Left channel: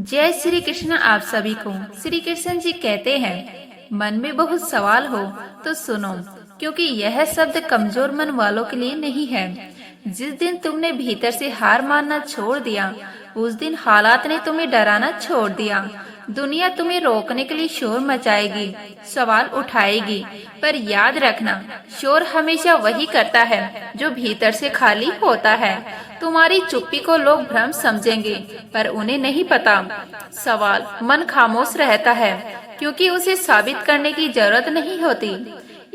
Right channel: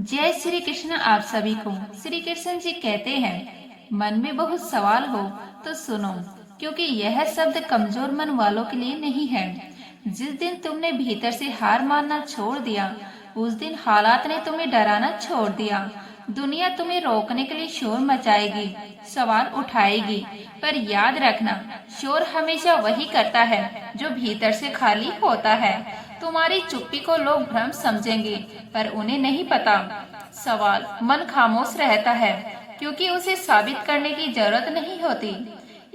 जय श्री कृष्ण। आप सभी को श्री कृष्ण जी कहते हैं, मन में बहुत सवाल हो तो सुनो, क्योंकि यह शब्द कमजोर मन वालों के लिए नहीं है। जिस दिन तुमने भीतर से हार मानना छोड़ दिया, उस दिन हालात ने तुम्हें डराना छोड़ दिया। दुनिया तुम्हें रोकने के लिए शोर मचाएगी, सवाल उठाएगी, पर याद रखना, शोर हमेशा वही करता है जो भीतर से खाली होता है। तुम्हारी चुप्पी को लोग भ्रम समझेंगे, पर उन्हें नहीं पता। सवाल मन खामोश रहता है क्योंकि उसे साबित करने की जरूरत नहीं होती।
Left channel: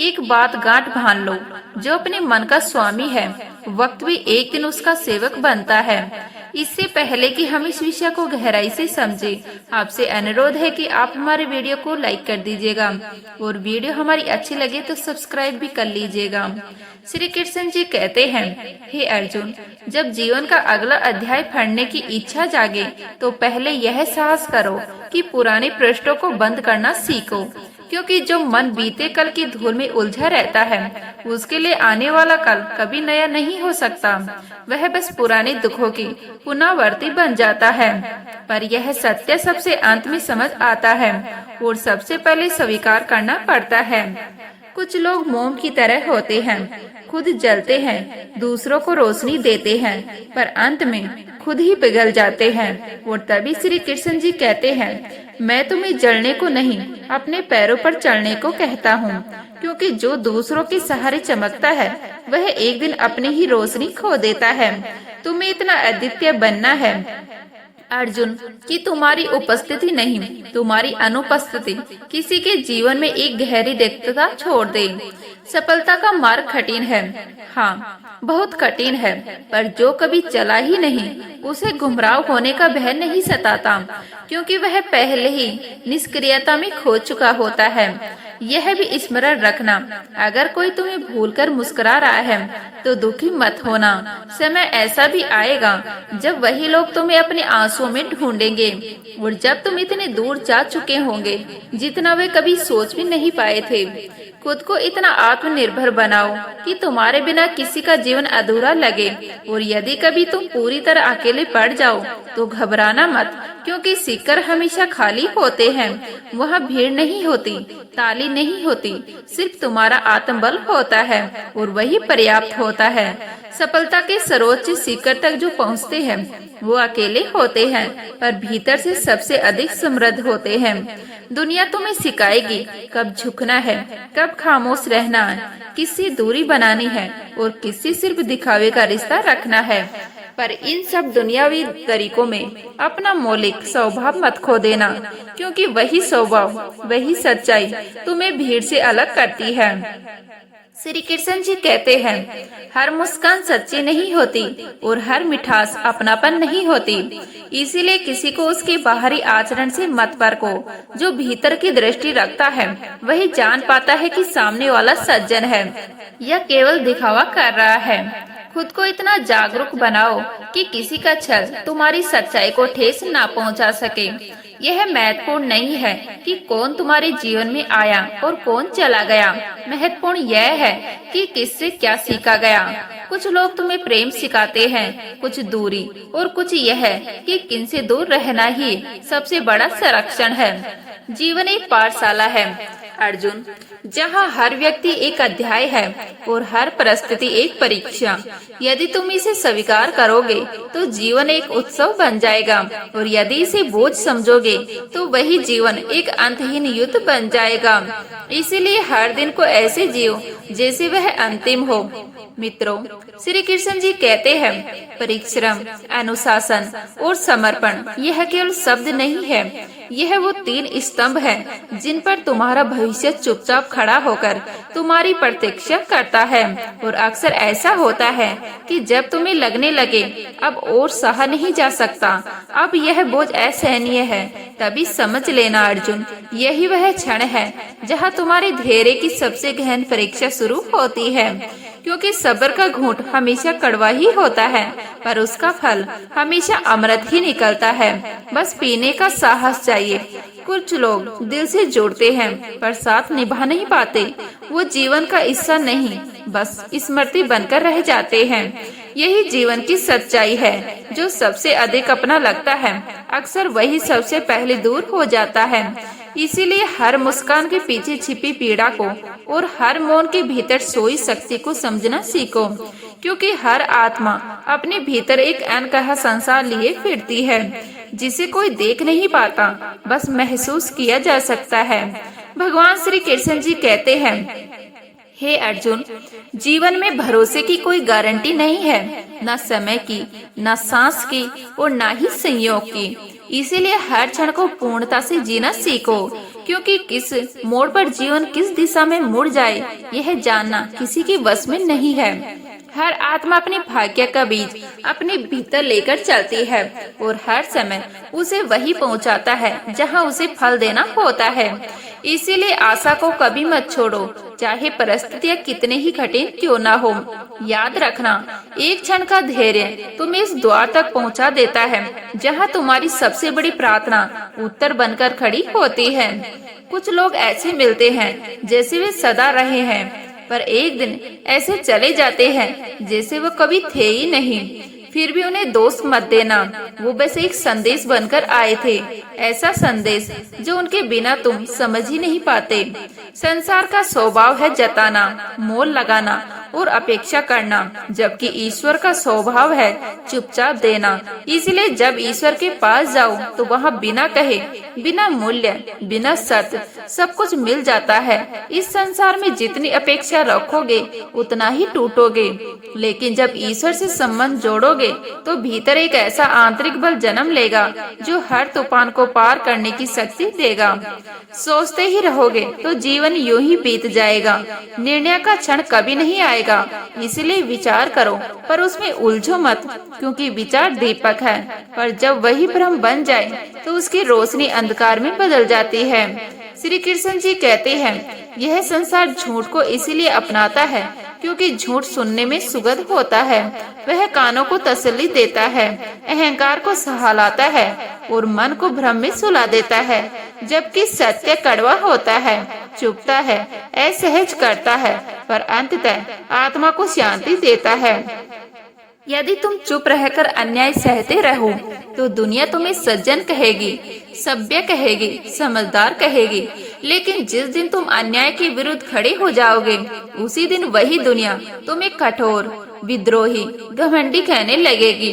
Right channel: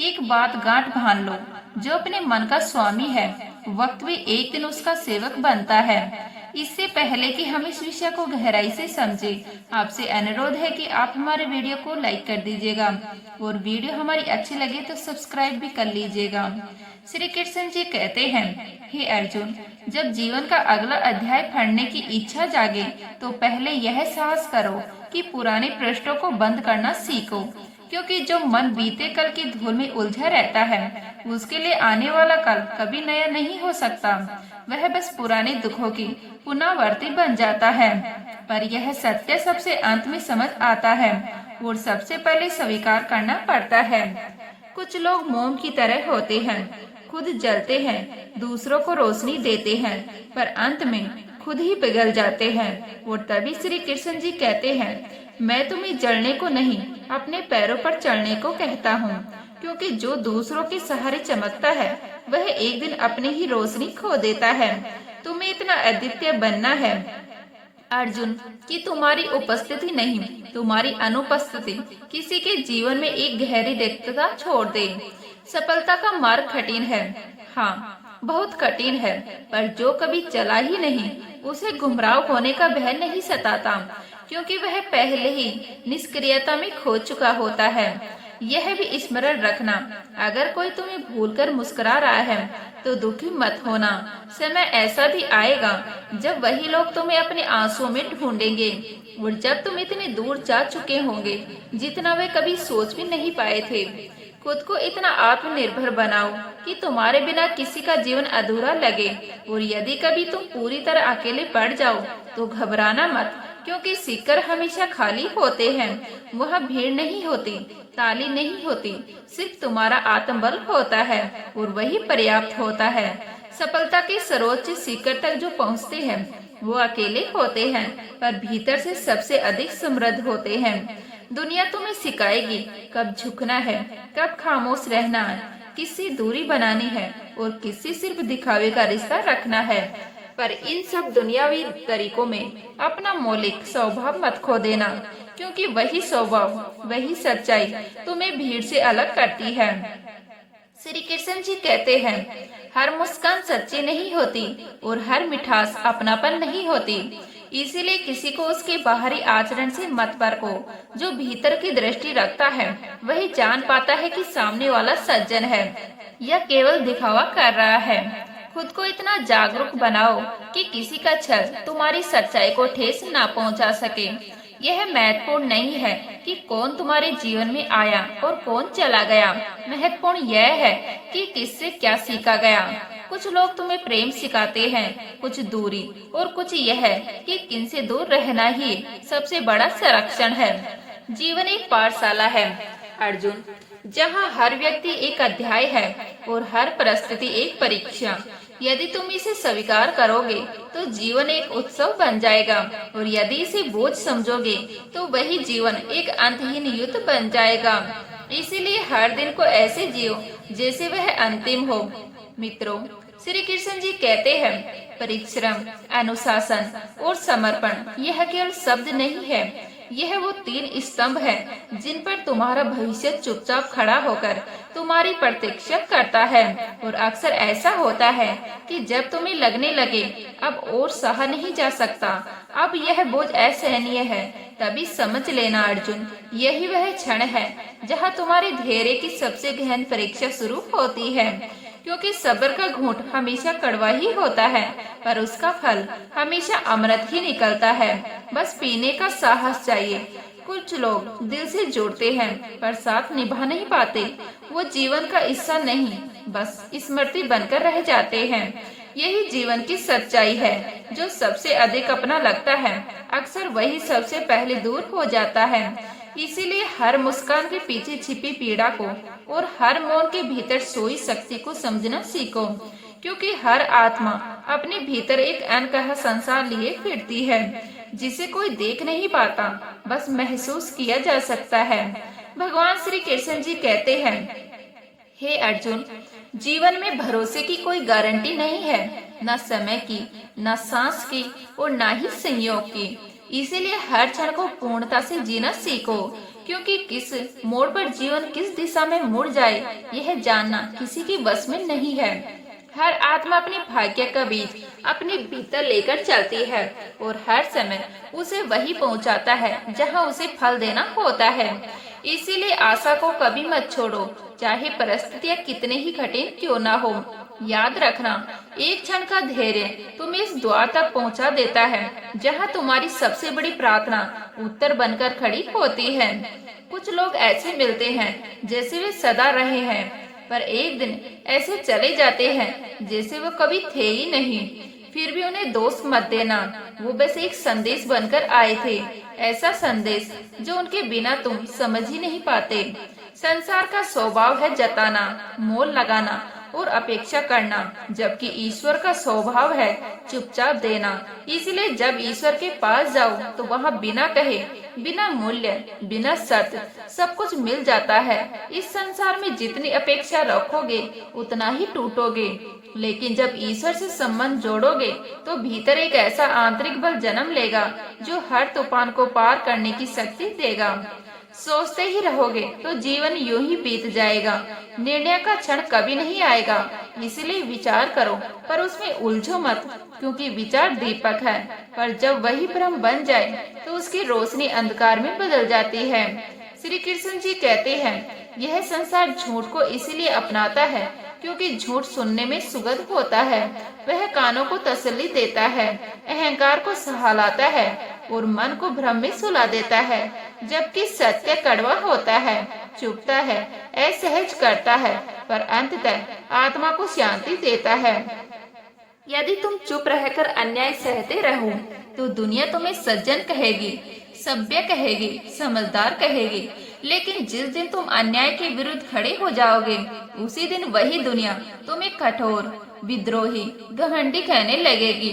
एक बात गांठ बांध लो, जो अपने मन का स्वामी है, वक्त भी एक दिन उसका सेवक बनता है। इससे पहले कि हम इस विषय को गहराई से समझे, आपसे अनुरोध है कि आप हमारे वीडियो को लाइक कर दीजिएगा और वीडियो हमारी अच्छी लगे तो सब्सक्राइब भी कर लीजिएगा। श्री कृष्ण जी कहते हैं, हे अर्जुन, जब जीवन का अगला अध्याय पढ़ने की इच्छा जागे तो पहले यह साहस करो कि पुराने पृष्ठों को बंद करना सीखो, क्योंकि जो मन बीते कल की धूल में उलझा रहता है, उसके लिए आने वाला कल कभी नया नहीं हो सकता। वह बस पुराने दुखों की पुनरावृत्ति बन जाता है। पर यह सत्य सबसे अंत में समझ आता है और सबसे पहले स्वीकार करना पड़ता है। कुछ लोग मोम की तरह होते हैं, खुद जलते हैं, दूसरों को रोशनी देते हैं, पर अंत में खुद ही पिघल जाते हैं। और तभी श्री कृष्ण जी कहते हैं, मैं तुम्हें जलने को नहीं, अपने पैरों पर चलने को कहता हूँ, क्योंकि जो दूसरों के सहारे चमकता है, वह एक दिन अपनी ही रोशनी खो देता है। तुम्हें इतना अद्वितीय बनना है अर्जुन, कि तुम्हारी उपस्थिति नहीं, तुम्हारी अनुपस्थिति किसी के जीवन में एक गहरी रिक्तता छोड़ दे। सफलता का मार्ग कठिन है, हाँ बहुत कठिन है, पर जो कभी चला ही नहीं, उसे गुमराह होने का भय नहीं सताता, क्योंकि वह पहले ही निष्क्रियता में खो चुका होता है। यह भी स्मरण रखना, अगर कोई तुम्हें भूलकर मुस्कुरा रहा है तो दुखी मत होना। समय ऐसा भी आएगा जब वही लोग तुम्हें अपने आंसुओं में ढूंढेंगे, और जब तुम इतने दूर जा चुके होंगे जितना वे कभी सोच भी नहीं पाए थे। खुद को इतना आत्मनिर्भर बनाओ कि तुम्हारे बिना किसी का जीवन अधूरा लगे, और यदि कभी तुम पूरी तरह अकेले पड़ जाओ तो घबराना मत, क्योंकि सीकर हमेशा खाली होते हैं। वहाँ भीड़ नहीं होती, ताली नहीं होती, सिर्फ तुम्हारा आत्मबल होता है, और वही पर्याप्त होता है। सफलता के सर्वोच्च शिखर तक जो पहुँचते हैं वो अकेले होते हैं, पर भीतर से सबसे अधिक समृद्ध होते हैं। दुनिया तुम्हें सिखाएगी कब झुकना है, कब खामोश रहना है, किससे दूरी बनानी है और किससे सिर्फ दिखावे का रिश्ता रखना है। पर इन सब दुनियावी तरीकों में अपना मौलिक स्वभाव मत खो देना, क्योंकि वही स्वभाव, वही सच्चाई तुम्हें भीड़ से अलग करती है। श्री कृष्ण जी कहते हैं, हर मुस्कान सच्ची नहीं होती और हर मिठास अपनापन नहीं होती। इसीलिए किसी को उसके बाहरी आचरण से मत परखो। जो भीतर की दृष्टि रखता है वही जान पाता है कि सामने वाला सज्जन है या केवल दिखावा कर रहा है। खुद को इतना जागरूक बनाओ कि किसी का छल तुम्हारी सच्चाई को ठेस ना पहुंचा सके। यह महत्वपूर्ण नहीं है कि कौन तुम्हारे जीवन में आया और कौन चला गया, महत्वपूर्ण यह है कि किससे क्या सीखा गया। कुछ लोग तुम्हें प्रेम सिखाते हैं, कुछ दूरी, और कुछ यह कि किनसे दूर रहना ही सबसे बड़ा संरक्षण है। जीवन एक पाठशाला है अर्जुन, जहाँ हर व्यक्ति एक अध्याय है और हर परिस्थिति एक परीक्षा। यदि तुम इसे स्वीकार करोगे तो जीवन एक उत्सव बन जाएगा, और यदि इसे बोझ समझोगे तो वही जीवन एक अंतहीन युद्ध बन जाएगा। इसीलिए हर दिन को ऐसे जियो जैसे वह अंतिम हो। मित्रों, श्री कृष्ण जी कहते हैं, परिश्रम, अनुशासन और समर्पण यह केवल शब्द नहीं है, यह वो 3 स्तंभ हैं जिन पर तुम्हारा भविष्य चुपचाप खड़ा होकर तुम्हारी प्रतीक्षा करता है। और अक्सर ऐसा होता है कि जब तुम्हें लगने लगे अब और सहा नहीं जा सकता, अब यह बोझ असहनीय है, तभी समझ लेना अर्जुन, यही वह क्षण है जहाँ तुम्हारे धैर्य की सबसे गहन परीक्षा शुरू होती है। क्योंकि सब्र का घूंट हमेशा कड़वा ही होता है, पर उसका फल हमेशा अमृत ही निकलता है। बस पीने का साहस चाहिए। कुछ लोग दिल से जोड़ते हैं पर साथ निभा नहीं पाते। वो जीवन का हिस्सा नहीं, बस स्मृति बनकर रह जाते हैं। यही जीवन की सच्चाई है। जो सबसे अधिक अपना लगता है, अक्सर वही सबसे पहले दूर हो जाता है। इसीलिए हर मुस्कान के पीछे छिपी पीड़ा को और हर मौन के भीतर सोई शक्ति को समझना सीखो, क्योंकि हर आत्मा अपने भीतर एक अनकहा संसार लिए फिरती है, जिसे कोई देख नहीं पाता, बस महसूस किया जा सकता है। भगवान श्री कृष्ण जी कहते हैं, हे अर्जुन, जीवन में भरोसे की कोई गारंटी नहीं है, न समय की, न सांस की और न ही संयोग की। इसीलिए हर क्षण को पूर्णता से जीना सीखो, क्योंकि किस मोड़ पर जीवन किस दिशा में मुड़ जाए, यह जानना किसी के वश में नहीं है। हर आत्मा अपने भाग्य का बीज अपने भीतर लेकर चलती है और हर समय उसे वही पहुंचाता है जहां उसे फल देना होता है। इसीलिए आशा को कभी मत छोड़ो, चाहे परिस्थितियां कितने ही कठिन क्यों ना हो। याद रखना, एक क्षण का धैर्य तुम्हें इस द्वार तक पहुंचा देता है जहां तुम्हारी सबसे बड़ी प्रार्थना उत्तर बनकर खड़ी होती है। कुछ लोग ऐसे मिलते हैं जैसे वे सदा रहे हैं, पर एक दिन ऐसे चले जाते हैं जैसे वो कभी थे ही नहीं। फिर भी उन्हें दोष मत देना, वो बस एक संदेश बनकर आए थे, ऐसा संदेश जो उनके बिना तुम समझ ही नहीं पाते। संसार का स्वभाव है जताना, मोल लगाना और अपेक्षा करना, जबकि ईश्वर का स्वभाव है चुपचाप देना। इसलिए जब ईश्वर के पास जाओ तो वहाँ बिना कहे, बिना मूल्य, बिना शर्त सब कुछ मिल जाता है। इस संसार में जितनी अपेक्षा रखोगे उतना ही टूटोगे, लेकिन जब ईश्वर से संबंध जोड़ोगे तो भीतर एक ऐसा आंतरिक बल जन्म लेगा जो हर तूफान को पार करने की शक्ति देगा। सोचते ही रहोगे तो जीवन यूं ही बीत जाएगा, निर्णय का क्षण कभी नहीं आएगा। इसलिए विचार करो, पर उसमें उलझो मत, क्योंकि विचार दीपक है, पर जब वही ब्रह्म बन जाए तो उसकी रोशनी अंधकार में बदल जाती है। श्री कृष्ण जी कहते हैं, यह संसार झूठ को इसीलिए अपनाता है क्योंकि झूठ सुनने में सुगंध होता है, वह कानों को तसल्ली देता है, अहंकार को सहलाता है और मन को भ्रम में सुला देता है, जबकि सत्य कड़वा होता है, चुभता है, असहज करता है, पर अंततः आत्मा को शांति देता है। यदि तुम चुप रहकर अन्याय सहते रहो तो दुनिया तुम्हें सज्जन कहेगी, सभ्य कहेगी, समझदार कहेगी, लेकिन जिस दिन तुम अन्याय के विरुद्ध खड़े हो जाओगे उसी दिन वही दुनिया तुम्हें कठोर, विद्रोही, घमंडी कहने लगेगी।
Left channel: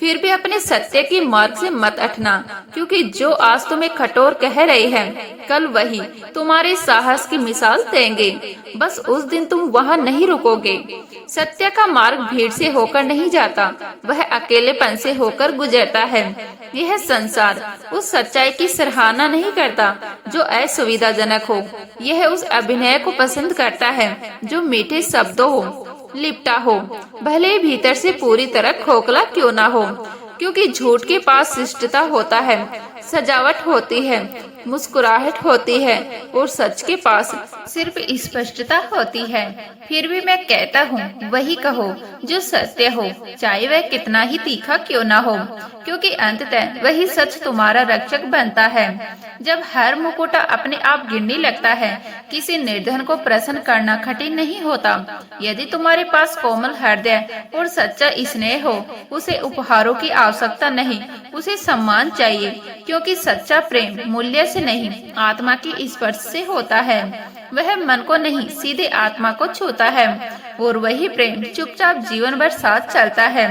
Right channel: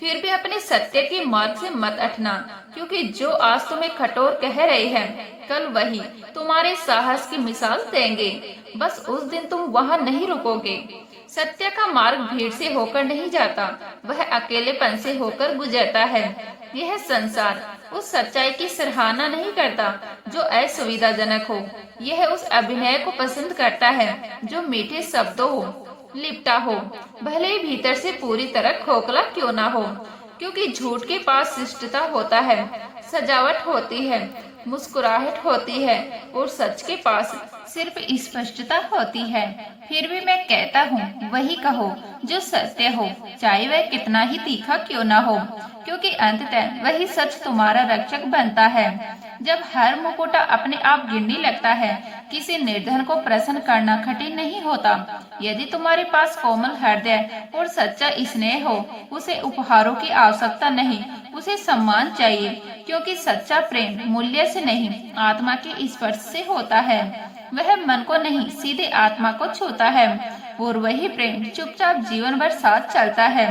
फिर भी अपने सत्य की मार्ग से मत हटना, क्योंकि जो आज तुम्हें कठोर कह रहे हैं कल वही तुम्हारे साहस की मिसाल देंगे। बस उस दिन तुम वहाँ नहीं रुकोगे। सत्य का मार्ग भीड़ से होकर नहीं जाता, वह अकेलेपन से होकर गुजरता है। यह संसार उस सच्चाई की सराहना नहीं करता जो असुविधाजनक हो, यह उस अभिनय को पसंद करता है जो मीठे शब्दों हो, लिपटा हो, भले ही भीतर से पूरी तरह खोखला क्यों ना हो। क्योंकि झूठ के पास शिष्टता होता है, सजावट होती है, मुस्कुराहट होती है, और सच के पास सिर्फ स्पष्टता होती है। फिर भी मैं कहता हूँ, वही कहो जो सत्य हो, चाहे वह कितना ही तीखा क्यों ना हो, क्योंकि अंततः वही सच तुम्हारा रक्षक बनता है। जब हर मुकुटा अपने आप गिरने लगता है, किसी निर्धन को प्रसन्न करना कठिन नहीं होता। यदि तुम्हारे पास कोमल हृदय और सच्चा स्नेह हो, उसे उपहारों की आवश्यकता नहीं, उसे सम्मान चाहिए, क्योंकि सच्चा प्रेम मूल्य से नहीं, आत्मा के स्पर्श से होता है। वह मन को नहीं, सीधे आत्मा को छूता है, और वही प्रेम चुपचाप जीवन भर साथ चलता है।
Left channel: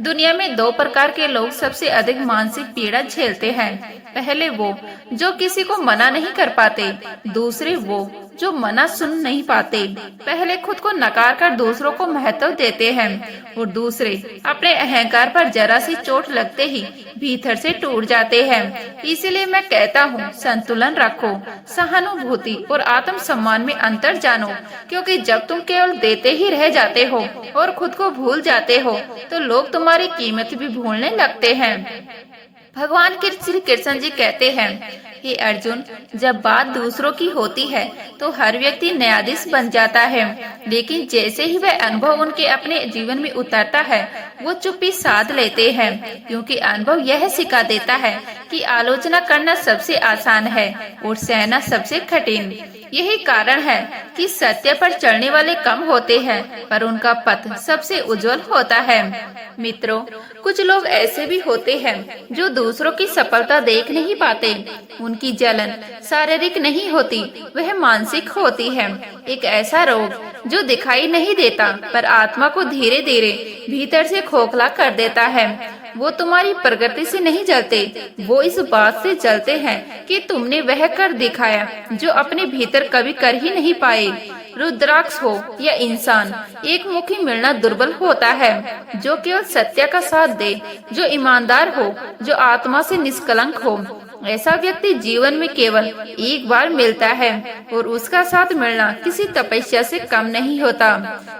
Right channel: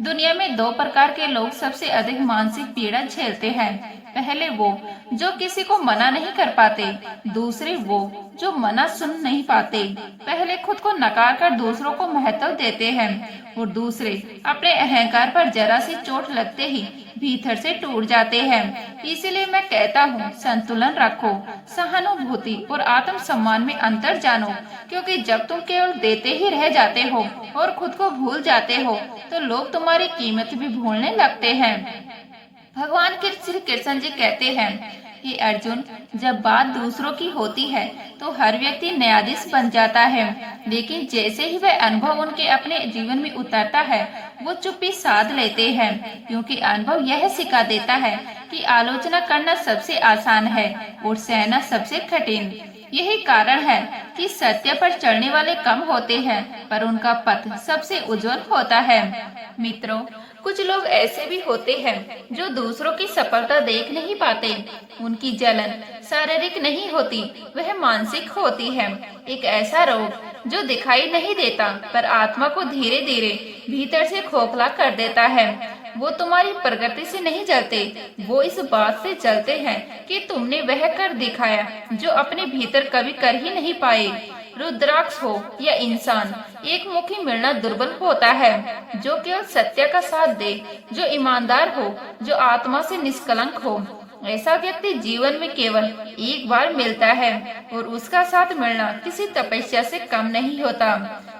दुनिया में दो प्रकार के लोग सबसे अधिक मानसिक पीड़ा झेलते हैं। पहले वो जो किसी को मना नहीं कर पाते, दूसरे वो जो मना सुन नहीं पाते। पहले खुद को नकार कर दूसरों को महत्व देते हैं, और दूसरे अपने अहंकार पर जरा सी चोट लगते ही भीतर से टूट जाते हैं। इसीलिए मैं कहता हूँ, संतुलन रखो, सहानुभूति और आत्म सम्मान में अंतर जानो, क्योंकि जब तुम केवल देते ही रह जाते हो और खुद को भूल जाते हो तो लोग तुम्हारी कीमत भी भूलने लगते हैं। भगवान श्री कृष्ण जी कहते हैं, हे अर्जुन, जब बात दूसरों की होती है तो हर व्यक्ति न्यायाधीश बन जाता है, लेकिन जैसे ही वह अनुभव उनके अपने जीवन में उतरता है वो चुप्पी साध लेते हैं, क्योंकि अनुभव यह सिखा देता है कि आलोचना करना सबसे आसान है और सहना सबसे कठिन। यही कारण है कि सत्य पर चलने वाले कम होते हैं, पर उनका पथ सबसे उज्जवल होता है। मित्रों, कुछ लोग ऐसे भी होते हैं जो दूसरों की सफलता देख नहीं पाते। उनकी जलन शारीरिक नहीं होती, वह मानसिक होती है। एक ऐसा रोग जो दिखाई नहीं देता, पर आत्मा को धीरे धीरे भीतर से खोखला कर देता है। वो तुम्हारी प्रगति से नहीं जलते, वो इस बात से जलते हैं कि तुमने वह कर दिखाया जो अपने भीतर कभी कर ही नहीं पाए। रुद्राक्ष हो या इंसान, एक मुखी मिलना दुर्बल होता है। जो केवल सत्य का साथ दे, जो ईमानदार हो, जो आत्मा से निष्कलंक हो, ऐसा व्यक्ति जीवन में केवल एक बार मिलता है और उसका साथ मिलना किसी तपस्या से कम नहीं होता।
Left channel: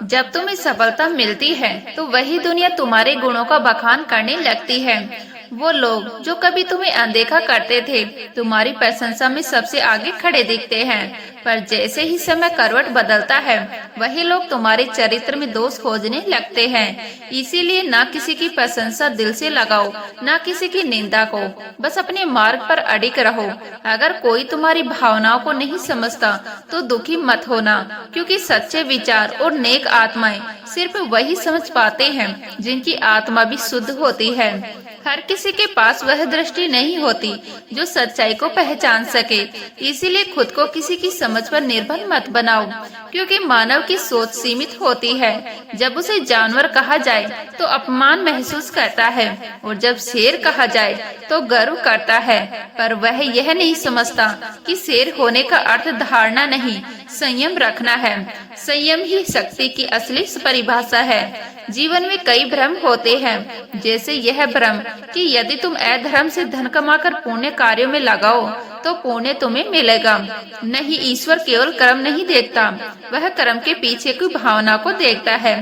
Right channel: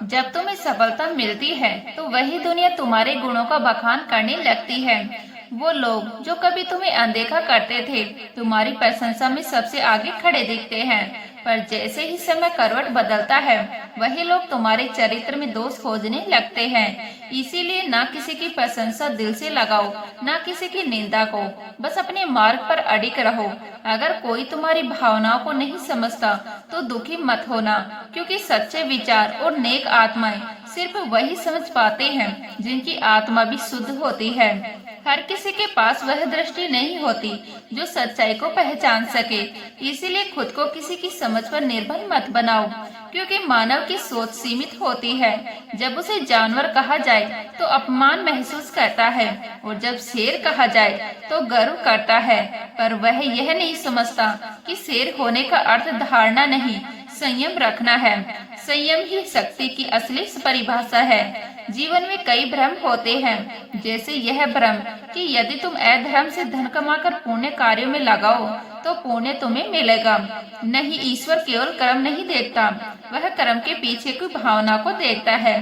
जब तुम्हें सफलता मिलती है तो वही दुनिया तुम्हारे गुणों का बखान करने लगती है। वो लोग जो कभी तुम्हें अनदेखा करते थे, तुम्हारी प्रशंसा में सबसे आगे खड़े दिखते हैं। पर जैसे ही समय करवट बदलता है, वही लोग तुम्हारे चरित्र में दोष खोजने लगते हैं। इसीलिए ना किसी की प्रशंसा दिल से लगाओ, ना किसी की निंदा को। बस अपने मार्ग पर अडिग रहो। अगर कोई तुम्हारी भावनाओं को नहीं समझता तो दुखी मत होना, क्योंकि सच्चे विचार और नेक आत्माएं सिर्फ वही समझ पाते हैं जिनकी आत्मा भी शुद्ध होती है। हर किसी के पास वह दृष्टि नहीं होती जो सच्चाई को पहचान सके। इसीलिए खुद को किसी की समझ पर निर्भर मत बनाओ, क्योंकि मानव की सोच सीमित होती है। जब उसे जानवर कहा जाए तो अपमान महसूस करता है, और जब शेर कहा जाए तो गर्व करता है। पर वह यह नहीं समझता कि शेर होने का अर्थ धारणा नहीं, संयम रखना है। संयम ही शक्ति की असली परिभाषा है। जीवन में कई भ्रम होते हैं, जैसे यह भ्रम कि यदि तुम अधर्म से धन कमाकर पुण्य कार्यों में लगाओ तो पुण्य तुम्हें मिलेगा। नहीं, ईश्वर केवल कर्म नहीं देखता, वह कर्म के पीछे की भावना को देखता है।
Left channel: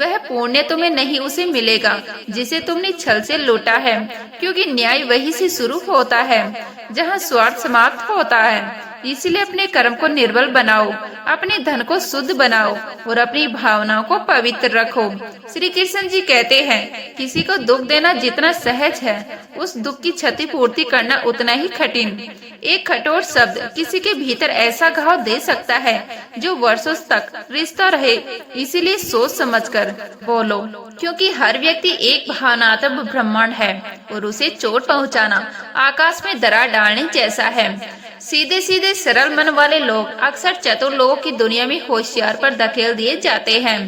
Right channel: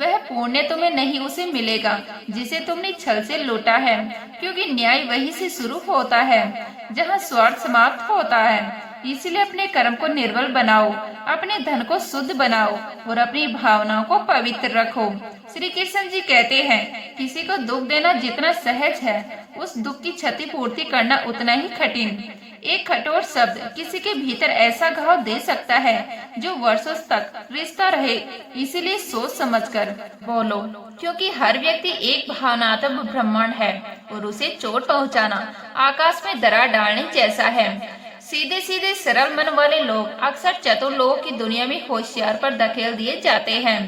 वह पुण्य तुम्हें नहीं उसे मिलेगा जिसे तुमने छल से लूटा है, क्योंकि न्याय वही से शुरू होता है जहाँ स्वार्थ समाप्त होता है। इसलिए अपने कर्म को निर्बल बनाओ, अपने धन को शुद्ध बनाओ और अपनी भावनाओं को पवित्र रखो। श्री कृष्ण जी कहते हैं, किसी को दुख देना जितना सहज है, उस दुख की क्षतिपूर्ति करना उतना ही कठिन। एक कठोर शब्द किसी के भीतर ऐसा घाव दे सकता है जो वर्षों तक रिश्ता रहे। इसीलिए सोच समझकर बोलो, क्योंकि हर व्यक्ति एक भावनात्मक ब्रह्मांड है और उसे चोट पहुंचाना आकाश में दरार डालने जैसा है। सीधे सीधे सरल मन वाले लोग अक्सर चतुर लोगों की दुनिया में होशियार पर धकेल दिए जाते हैं।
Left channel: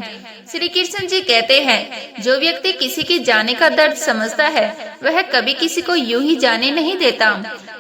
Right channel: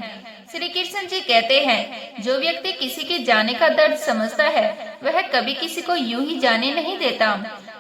श्री कृष्ण जी कहते हैं, जो व्यक्ति किसी के जाने का दर्द समझता है, वह कभी किसी को यूं ही जाने नहीं देता।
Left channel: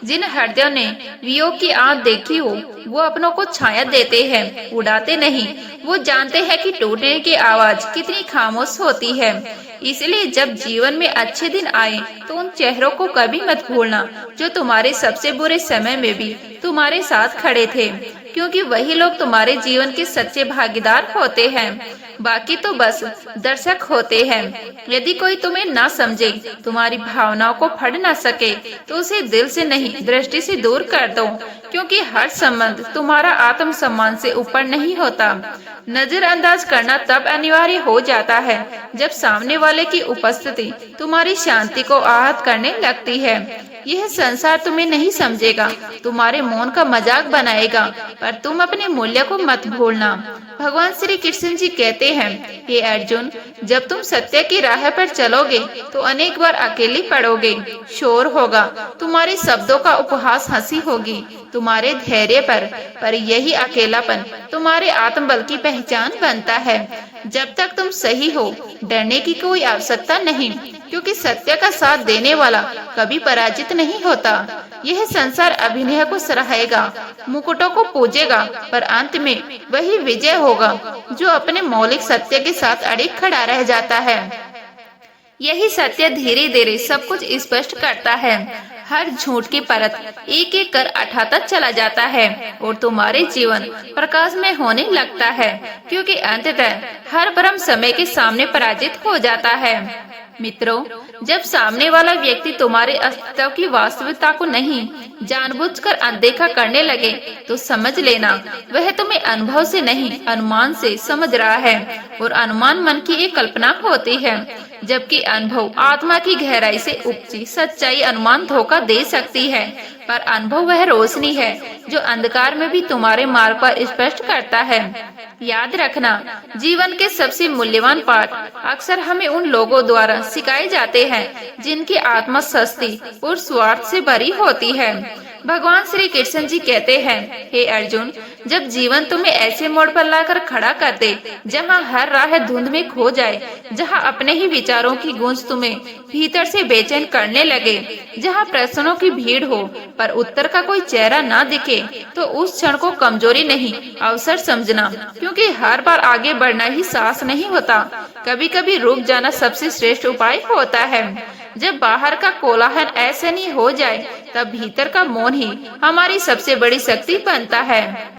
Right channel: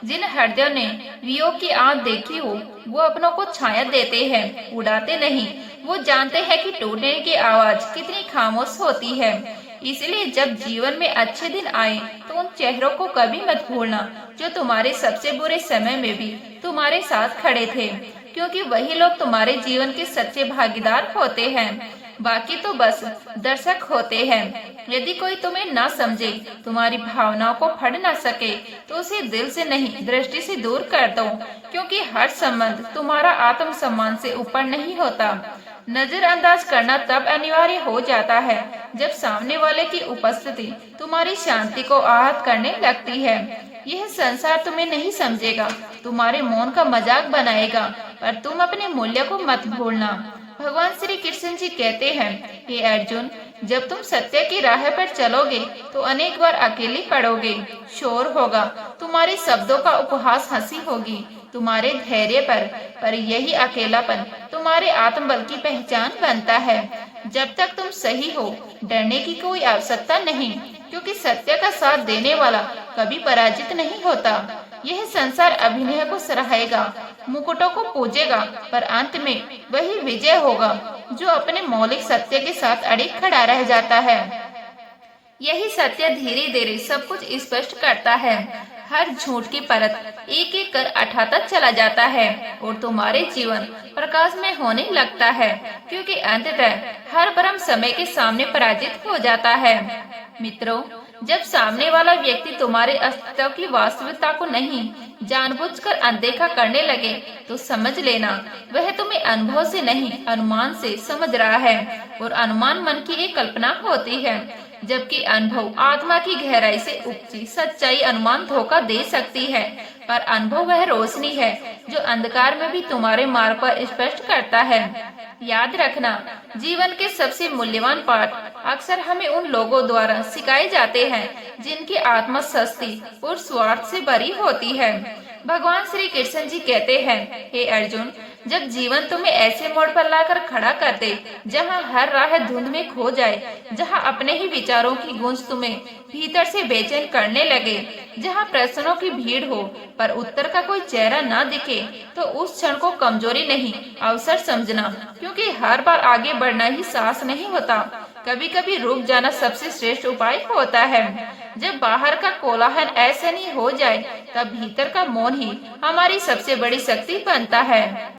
जिन हृदयों ने वियोग की आंख देखी हो, वो अपनों को छाया देते हैं, उड़ाते नहीं। वो जानते हैं कि टूटने की आवाज कितनी खामोश होती है। इसलिए जब जीवन में अच्छे दिन आए तो उन चेहरों को कभी मत भूलना जो तुम्हारे सबसे बुरे समय में भी तुम्हारे साथ खड़े थे, क्योंकि वही लोग तुम्हारे जीवन के सच्चे भागीदार होते हैं। बाकी तो बस दर्शक होते हैं। यदि कोई तुम्हें ना समझे, तुम्हारी भावनाओं को पढ़ ना सके, तो उसे दिल से नहीं दृष्टि से दूर कर दो, क्योंकि हर संबंध तुम्हारा आत्म सम्मान से ऊपर नहीं होता। नजरअंदाज करना तब अनिवार्य हो जाता है जब सामने वाले की उपस्थिति तुम्हारी शांति को आहत करने लगती है। यह संसार तुम्हें नहीं समझेगा, तुम्हारे मौन का मजाक बनाएगा, पर तुम अपने मूल्य को मत भूलना। भगवान श्री कृष्ण जी कहते हैं, हे अर्जुन, जब तुम सत्य की राह पर चलोगे तो अनेक बार अकेले पड़ोगे। शोर होगा, तुम्हारे शब्दों का उपहास हंसी होगी तुम्हारे धैर्य पर यही अकेलापन तुम्हारे आत्मबल की पहचान बनता है। जब तक तुम सही हो, डरने की कोई आवश्यकता नहीं, क्योंकि सत्य का साथ देने वाला कभी पराजित नहीं होता। यह संसार अभिनय को सराहेगा, मुकुटों को पूजेगा, पर अंत में वही विजय होगा जो अपने मौलिक सत्य के साथ अड़िग खड़ा रह जाता है। यही सत्य धीरे धीरे सब कुछ स्पष्ट करता है। हर झूठ की परत एक एक कर हटाता चला जाता है और तुम्हारे जीवन प्रकाश में होने लगता है, क्योंकि अंततः हर भ्रम समय के सामने पराजित हो जाता है। मित्रों, जब सामने वाला व्यक्ति तुम्हारे अस्तित्व की वास्तविकता को नहीं जानबूझकर अनदेखा करने लगे, तो समझ लेना वह तुम्हें अनुभव से नहीं अनुमान से समझ रहा है, और अनुमान मन की एक कल्पना होती है। जबकि अनुभव आत्मा की गहराई से उपजी सच्चाई अनुमान धोखा दे सकती है, पर अनुभव वह रोशनी है जो अंधकार में भी तुम्हारे मार्ग पर स्पष्ट करता है। याद रखना, जीवन के सबसे मूल्यवान पाठ अक्सर हमें उन लोगों द्वारा सिखाए जाते हैं जिनकी आत्मा सस्ती और स्वार्थ से भरी होती है। भगवान श्री कृष्ण जी कहते हैं, हे अर्जुन, जब जीवन तुम्हें ऐसे मोड़ पर लाकर खड़ा कर दे जहाँ हर राह धुंध में खो जाए, जहाँ अपने ही विचारों की गूंज तुम्हें भीतर से बेचैन करने लगे, जहाँ प्रश्नों की भीड़ हो पर उत्तर का कोई चेहरा ना दिखे, तो उस क्षण को कमजोरी नहीं अवसर समझना, क्योंकि हर बार आगे बढ़ना ही साहस नहीं होता। कभी कभी रुक जाना सबसे श्रेष्ठ उपाय होता है। जब बाहर का कोलाहल ऐसा नहीं हो जाए, तब भीतर का मौन ही हमारी सबसे बड़ी शक्ति बनता है।